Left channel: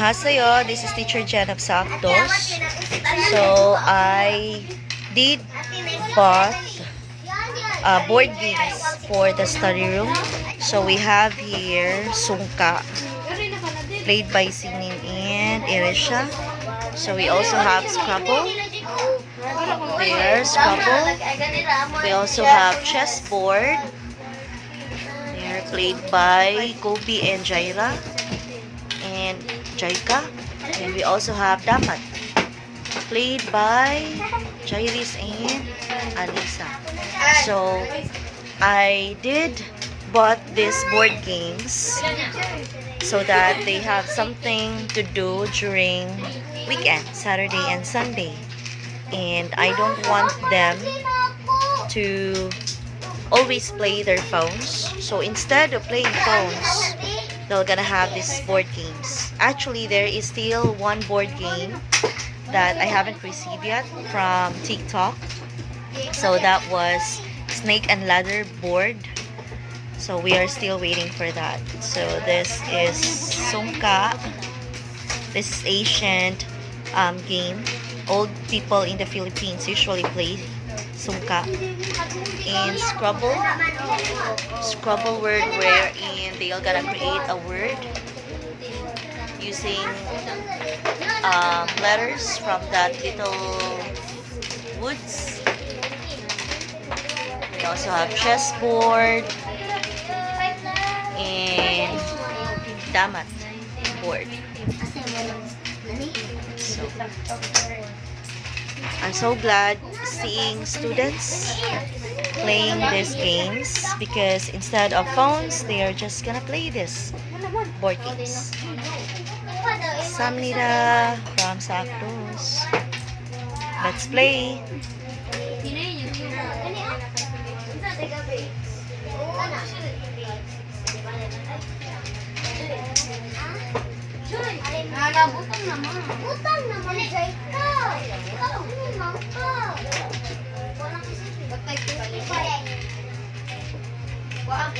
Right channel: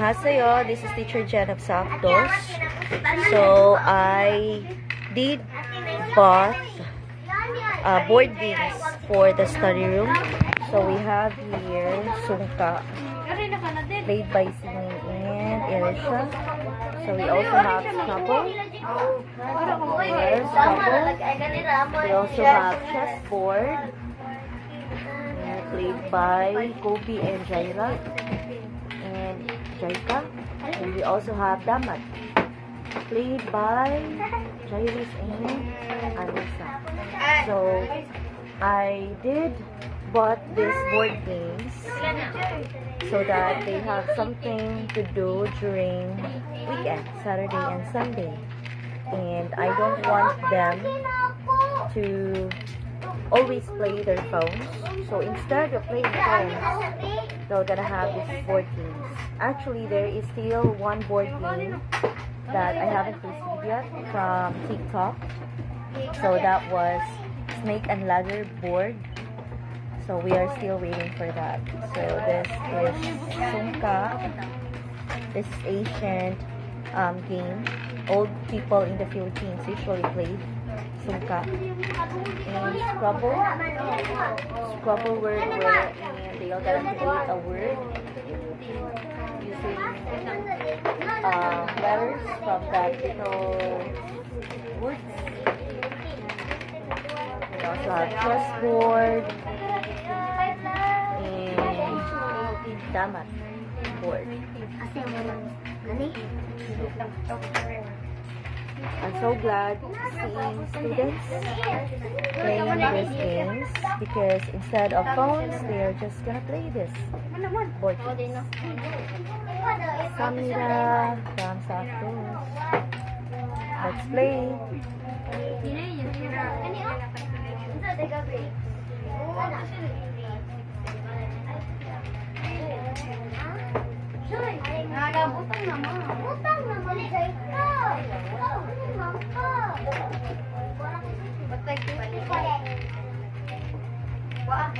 Annyeonghaseyo, this is Teacher Jen of Sakdos. So, I did bought board games for the study room. So, we have here Sungka, played by Sinin and Irisha. So, we also have Scrabble. There, Scrabble. We also have chessboard. They're played by Kobe and Jaira. And Jaika. And we also have Damat, played by Jairis and Alisa. So, I did bought these board games so that they have something to do during weekend, Saturday and Sunday. And I don't want them to always play their phones. So instead of playing phones, they're gonna have these board games. Actually, there is still one board game that I haven't received yet from TikTok. So that was Snake and Ladder board. So we are still waiting for that. So this is Sungka. This is ancient game. Old people in the Philippines usually play Sungka. And Scrabble word wherein they are gonna create a word using letters from that little woods. We also have chessboard and damat board. So, I'm so glad seeing students playing these games because instead of phones, they are just gonna play this board games. Samnida from Sakdos. Let's play. Butang naman, Jaika. Batay ko. What?